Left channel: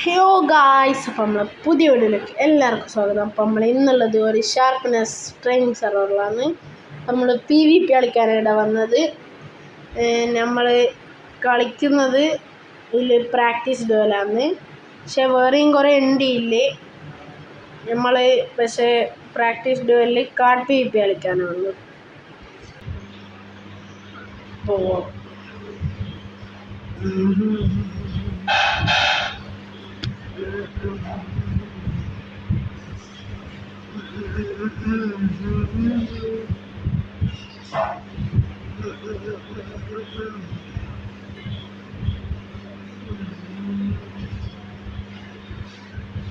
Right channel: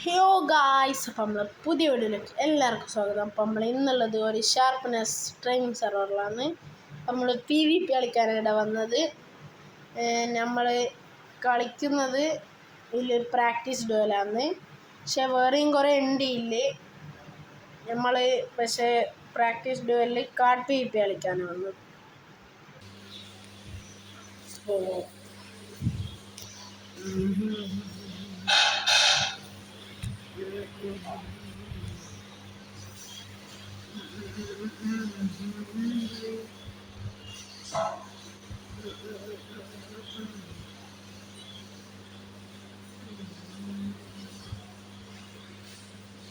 Hello guys, അപ്പം നമ്മൾ പുതിയ വീഡിയോയിലേക്ക് എല്ലാവർക്കും സ്വാഗതം. അപ്പം നമ്മൾ ഇന്നുള്ളത് ഒരു ഷാർപ്പ്നെസ് ട്രെയിനിങ് സെർവറിലാണ്. നമ്മൾ PvP കളിക്കാനായിട്ട് വന്നത്. നമ്മൾ കളിക്കുന്നത് ഇതിൽ പ്രാക്ടീസ് ഡുവലാണ്. പക്ഷെ വേറെയും കുറേ ഉണ്ട് ഇല്ലേ. നമ്മൾ പക്ഷേ പ്രാക്ടീസ് ഡുവലിൽ കാർഡ് PvP കളിക്കാനാണ് വന്നത്. പോവാം.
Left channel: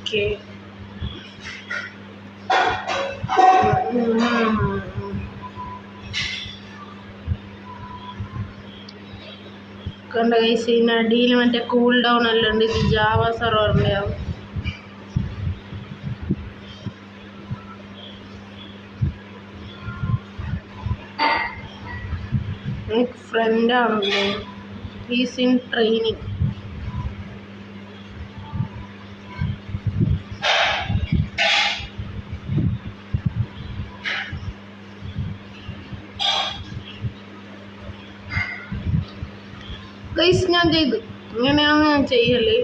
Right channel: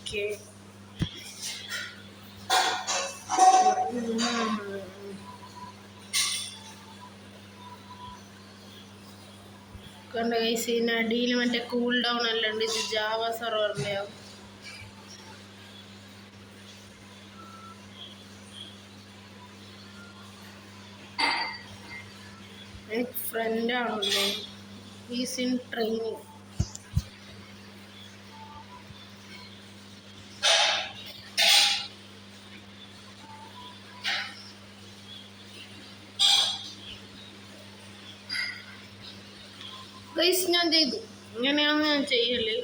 Okay. കണ്ട ഗൈസ്, ഇതിന് അടിയിൽ മറ്റേ കൂൾ ഡൗൺ എല്ലാം ഉണ്ട്. ഇത് ജാവ സെർവറിൻ്റെ ആവും. എനിക്ക് ഫ്രണ്ടാണല്ലോ, ഈസ് ഇൻ ട്രെയിനിങ്. ഗൈസ്, ഞാൻ ചെയ്തു. ഇങ്ങനെയാണ് ഞാൻ ചെയ്യല്.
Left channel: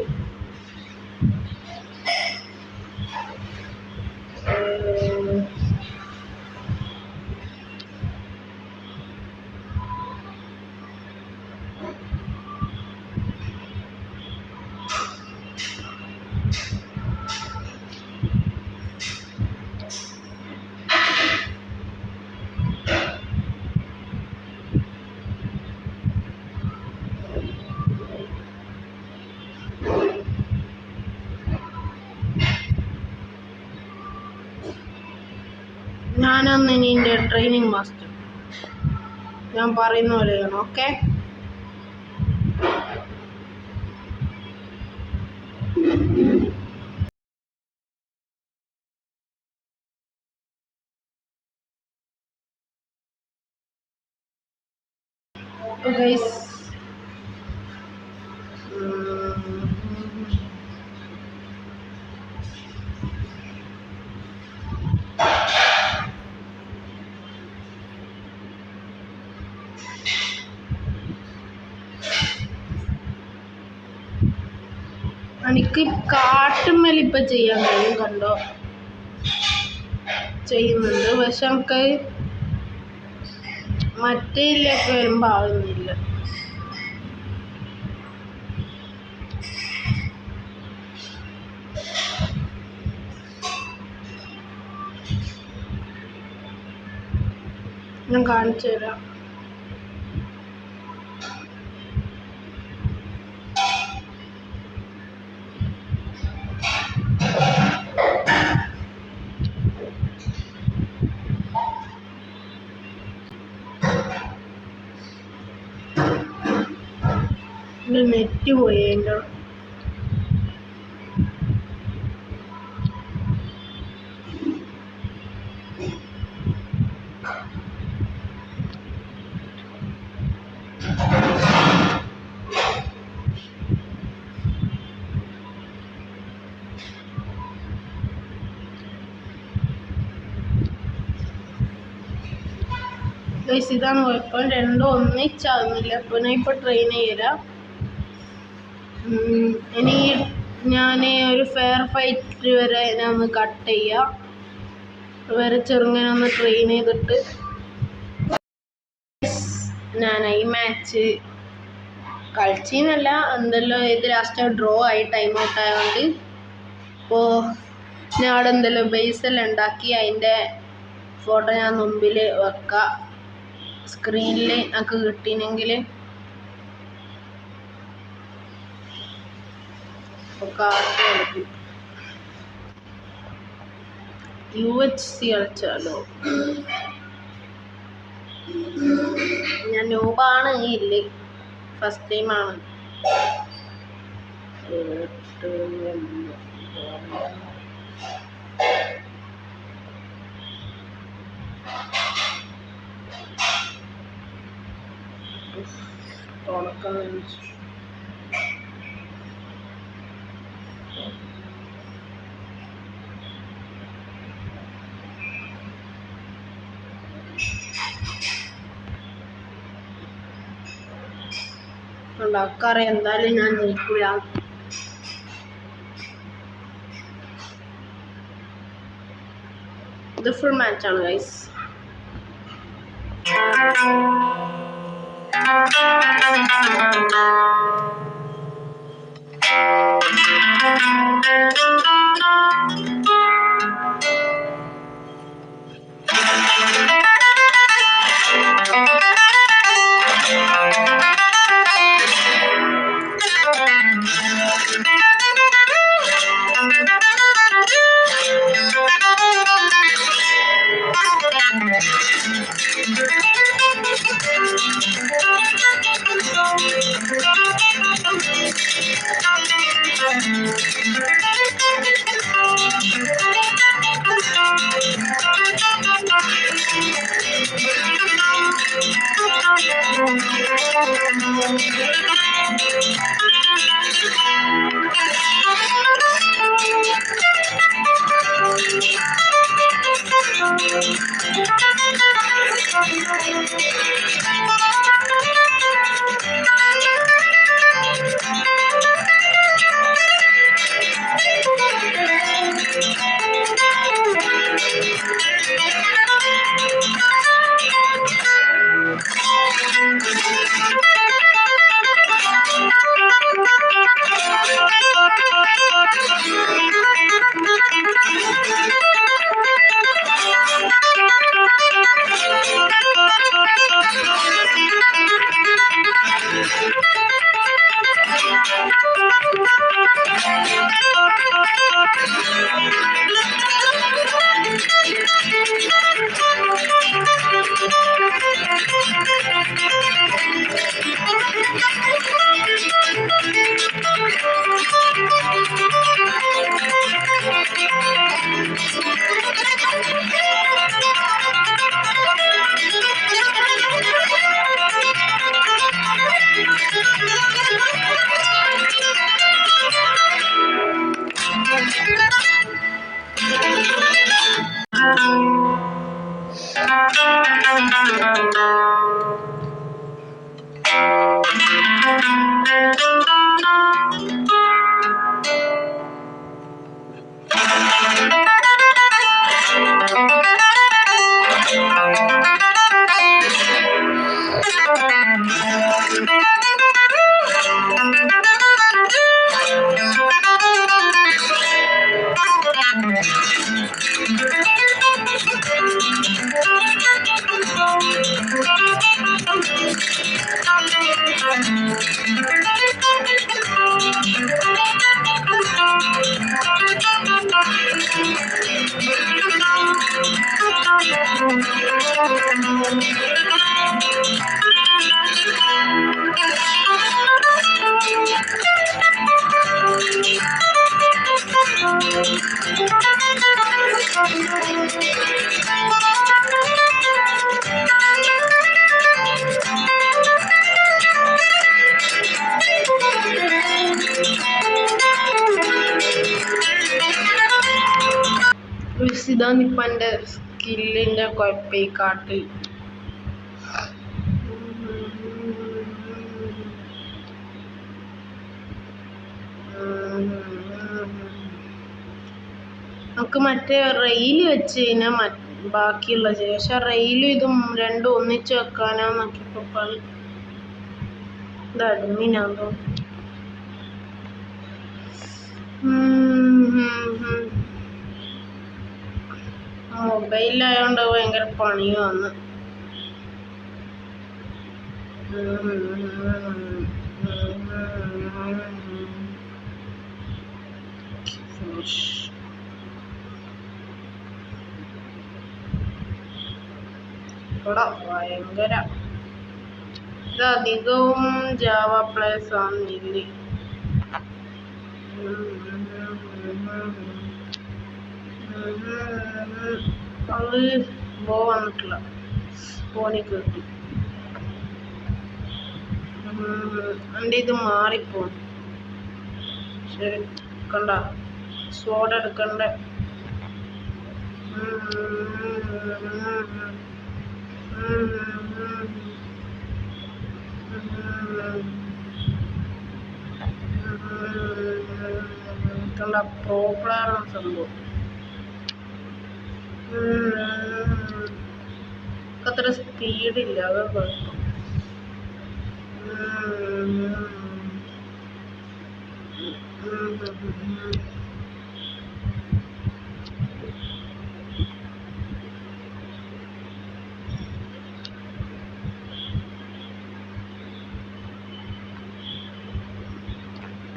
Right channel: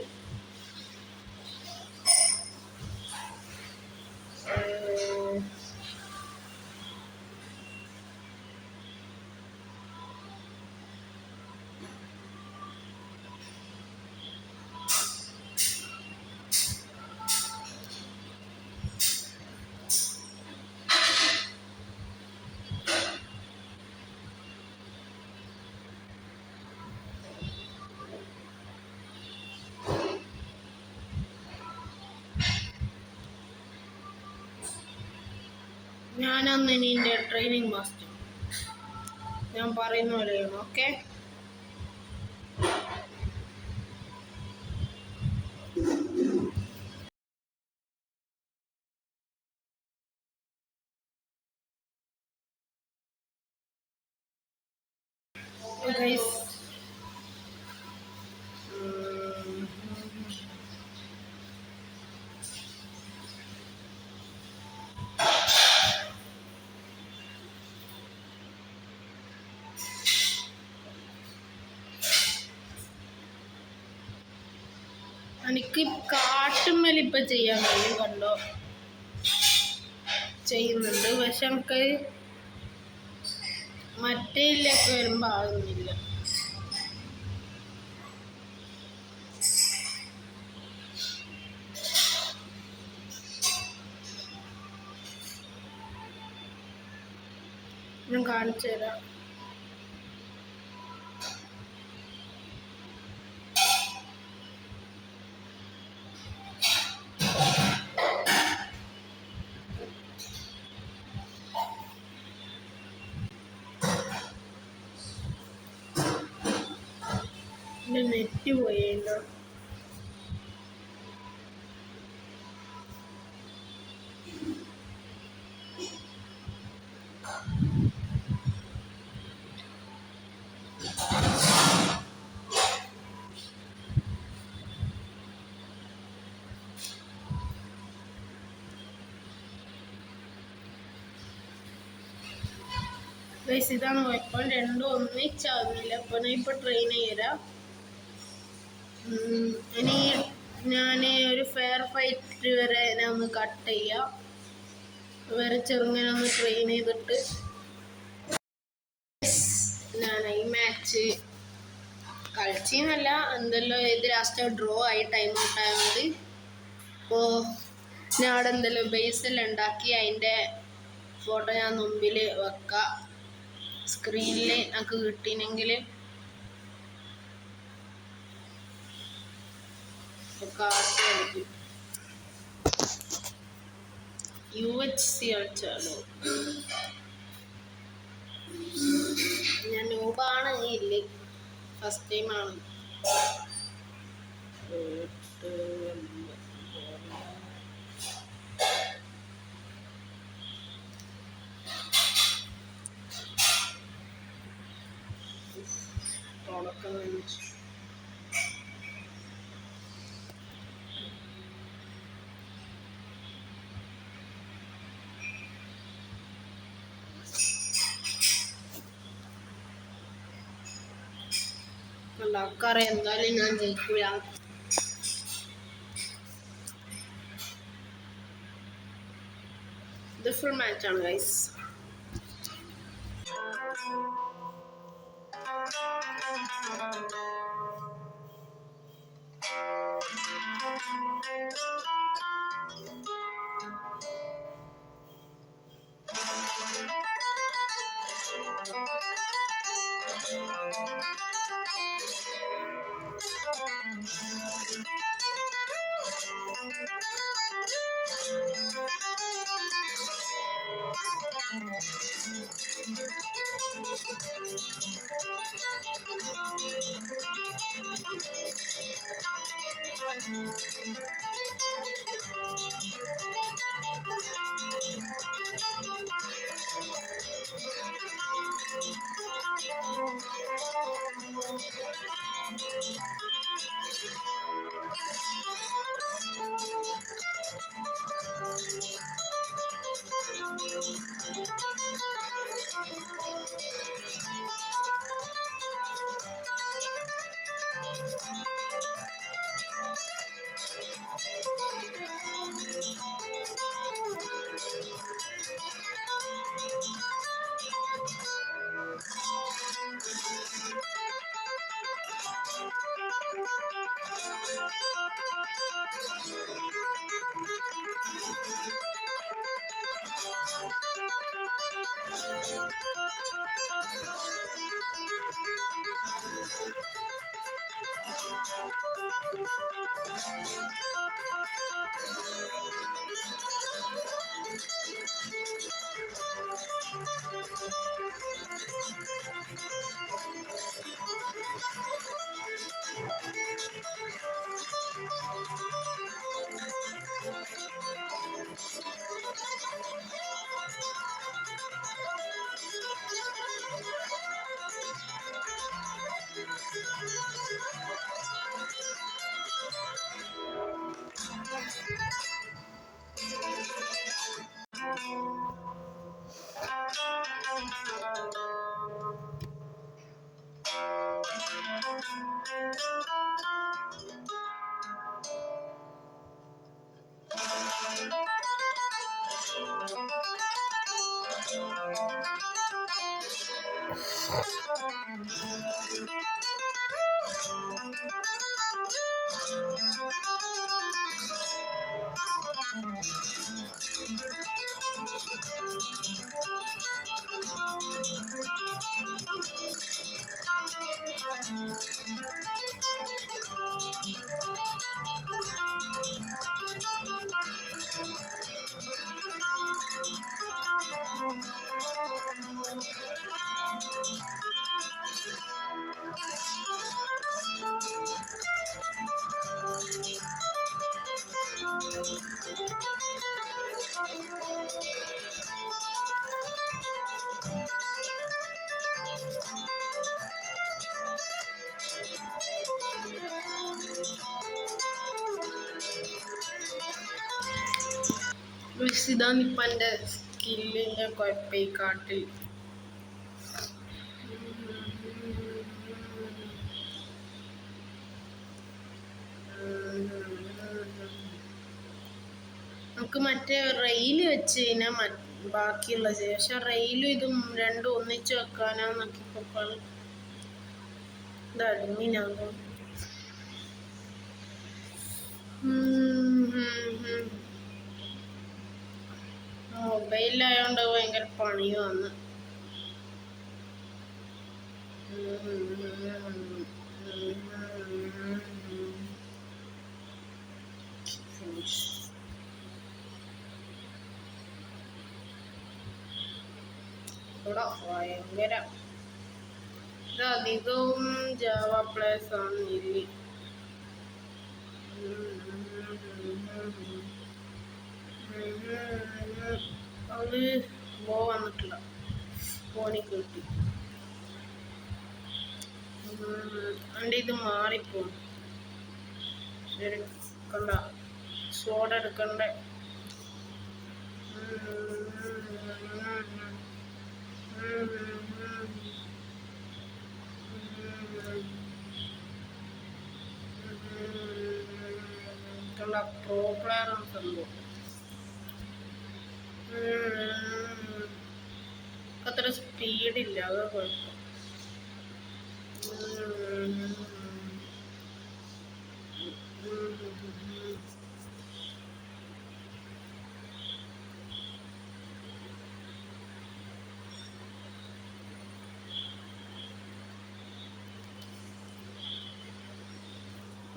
ഞാനന്ന് ഇനി എൻ്റെ ട്രെയിനിങ് മാസ്റ്റർ. ഞാൻ പറയുന്ന പോലെ ചെയ്യണം. Okay, guys. എനിക്ക് കാട്ടുമ്മൽ ഇപ്പം ചെയ്യാൻ കഴിയും. കണ്ടോ, ചെയ്യുന്നുണ്ട്. പക്ഷെ നമുക്ക് മറ്റേതിലേക്ക് വരുമ്പോൾ ആവുന്നില്ല. ഞാൻ കാണിച്ചു തരാം. നെറ്റ് പോയി എൻ്റെ. ഇതാണ് കുഴപ്പം, രണ്ടും ഒന്നിച്ചാകുന്നില്ല. അപ്പോൾ ഞാൻ ഇപ്പോൾ ട്രെയിൻ ചെയ്തുതരാം. ഇനി ഞാൻ ഒരു ഫെയർ ഫൈറ്റ് വരെ ഞാൻ ഒന്ന് കട്ട് ചെയ്യാം. വരെ ചെറുങ്ങനെ ഒന്ന് ട്രെയിൻ ചെയ്തിട്ട് ഞാൻ ഈ മാച്ച് കളിച്ചെന്നല്ല, എന്തെല്ലോ ഇത് ലാസ്റ്റ് ഡ്രോ ആയി, ടൈം ഔട്ട് ആയതുകൊണ്ട്. അപ്പോൾ ഞാൻ അവിടെ എന്തെല്ലോ ബേസെല്ലാം ഉണ്ടാക്കി, അതിൻ്റെ ഫോട്ടോ ഞാൻ മുമ്പിൽ വെക്കാം. സ്ക്രീനിൽ എനിക്ക് കിട്ടിയെങ്കിൽ UHC കളിച്ചാലോ. ഞാൻ ന്യൂബാണ്, ഇല്ല ഫസ്റ്റ് ടൈമാണ്. ഉണ്ടാക്കാറ് എന്തായാലും ഞാൻ ജയിക്കൂല. ഇത് ഫുൾ മാച്ചാണ് ഗൈസ്. ഇതാണ് ഇപ്പം എൻ്റെ സ്കില്ലിൻ്റെ കുഴപ്പം ഈ കാട്ടിൽ. നമുക്ക് മറ്റേ റെയിൽ വെച്ച് കഴിഞ്ഞാൽ ബാക്കിയുള്ള ചെയ്യും. പക്ഷെ റെയിലും ഇതും രണ്ടും ഒന്നിച്ച് വെക്കാനാന്നൊക്കെപ്പോൾ ഇത് അഡ്മിനാണോ. മൊബൈലിലായോണ്ട് ഭയങ്കര പണി വന്ന്. ഭയങ്കര ഇത് അധികവും ജാവ പ്ലേസ് ആണെന്നില്ലേ. അത് വന്നിട്ടില്ല, ഫോണിൽ കിട്ടി. എൻ്റെ ഇത് മാറിപ്പോ. ശരി കണ്ട സോഡ എടുക്കണ്ടേ. കണ്ട പ്രോ പ്ലെയർ സംഭവം അത്ര സ്പീഡില്ല, അത് കുഴപ്പം.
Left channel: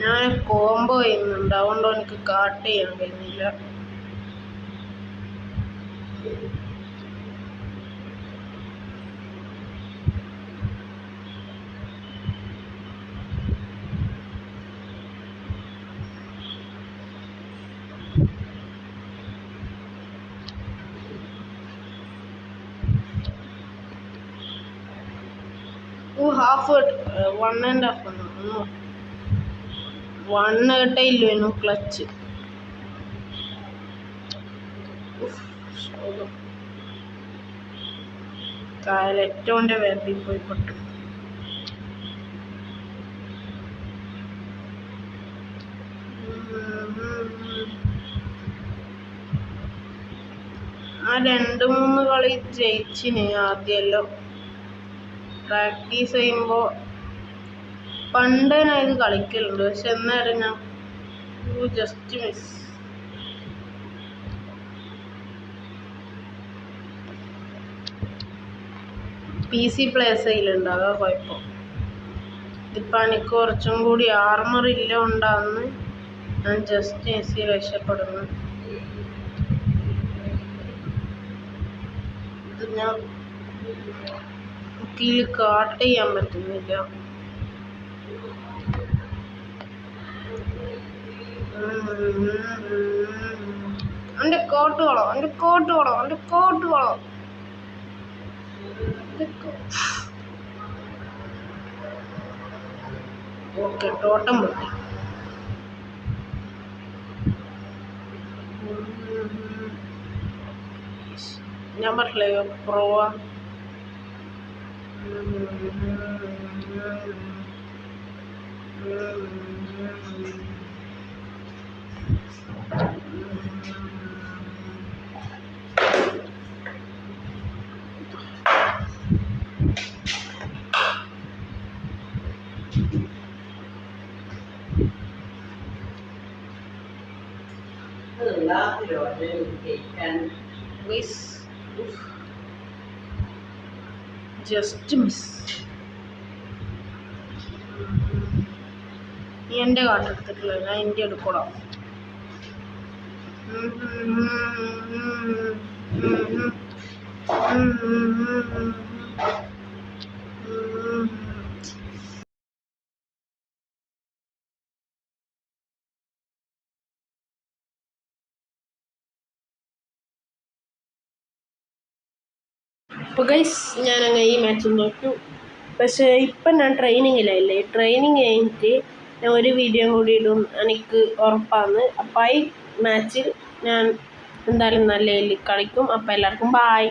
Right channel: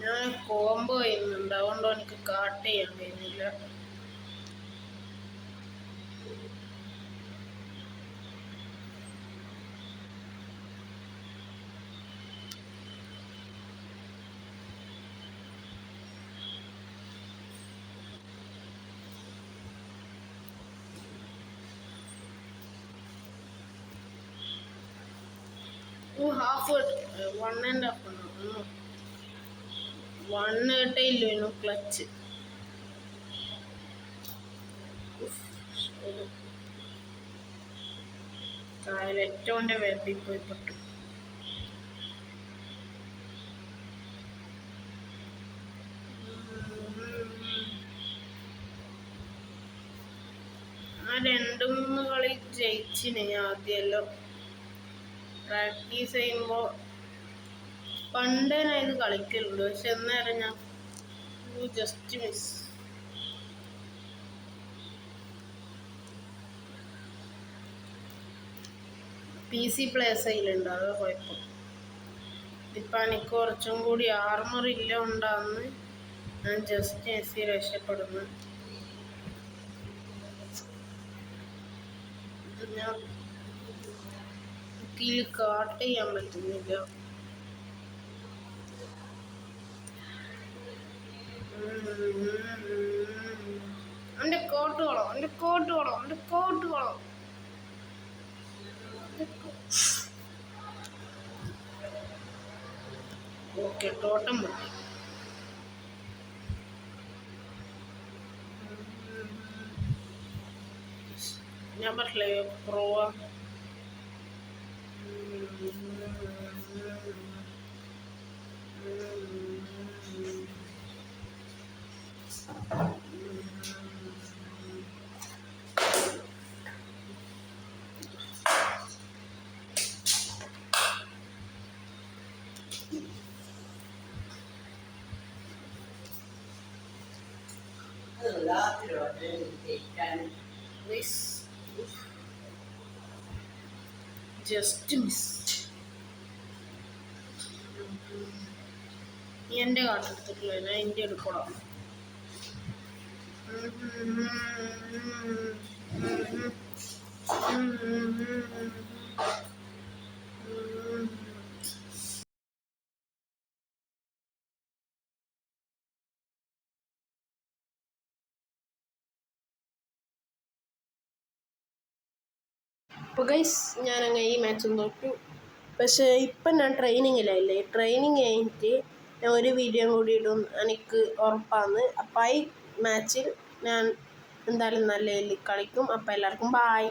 ഞാൻ കോംബോ ചെയ്യുന്നുണ്ട്, അതുകൊണ്ട് എനിക്ക് കാട്ട് ചെയ്യാൻ കഴിയുന്നില്ല. Half 1.5 1 ഇല്ലേനു clutch. കായലറ്റോന്റെ വേമ്പി പോയി പെട്ടു. ആ 2-3 കളി ജയിച്ചിന് ആദ്യമല്ലോ. പ്രാക്ടീസ് ചെയ്യുമ്പോൾ പണ്ട് ഞാൻ ഇത് കളിക്കലുണ്ട്, പക്ഷെ എന്നാലും ഞാൻ ജസ്റ്റ് മിസ്. PC പ്ലേസ് ചെയ്യലുണ്ട്, അതാ കുഴപ്പം. ഇതിപ്പോൾ എനിക്ക് കുറച്ചും കൂടി ആർമർ ഇല്ല ഉണ്ടാന്ന് ഞാൻ ജസ്റ്റ് മിസ് രക്ഷപ്പെടുന്നു. ഇത് ഞാൻ ഇതിൽ കാട്ട് ചെയ്യാൻ പറ്റുന്നില്ല. എൻ്റെ കോട്ട് വേണം, എൻ്റെ കോട്ട് വേണം, എൻ്റെ കോട്ട് വേണം. ഓക്കെ, ടോട്ടം പൊട്ടി. ഞാൻ പറഞ്ഞില്ലേ പ്രോവാ. Just miss. നീ എൻ്റെ കാട്ടെടുത്തിട്ടില്ല, ഞാൻ എൻ്റെ എടുക്കണം. അപ്പോൾ ഗൈസ്, ഞാനങ്ങനെ ഈ മാച്ച് നോക്കൂ. പക്ഷേ ഇപ്പം ഞാൻ ട്രെയിനിങ്ങിലല്ലേ, ട്രെയിനിങ് കഴിഞ്ഞിട്ട് ഞാൻ ഒരു വീഡിയോ കൂടി ഇടും, എനിക്ക് ഉറപ്പാണ്. അപ്പോൾ ഈ മാച്ചിൽ ഞാൻ എന്തായാലും നല്ല കളിക്കും. അപ്പോൾ എല്ലാവർക്കും ബായ്.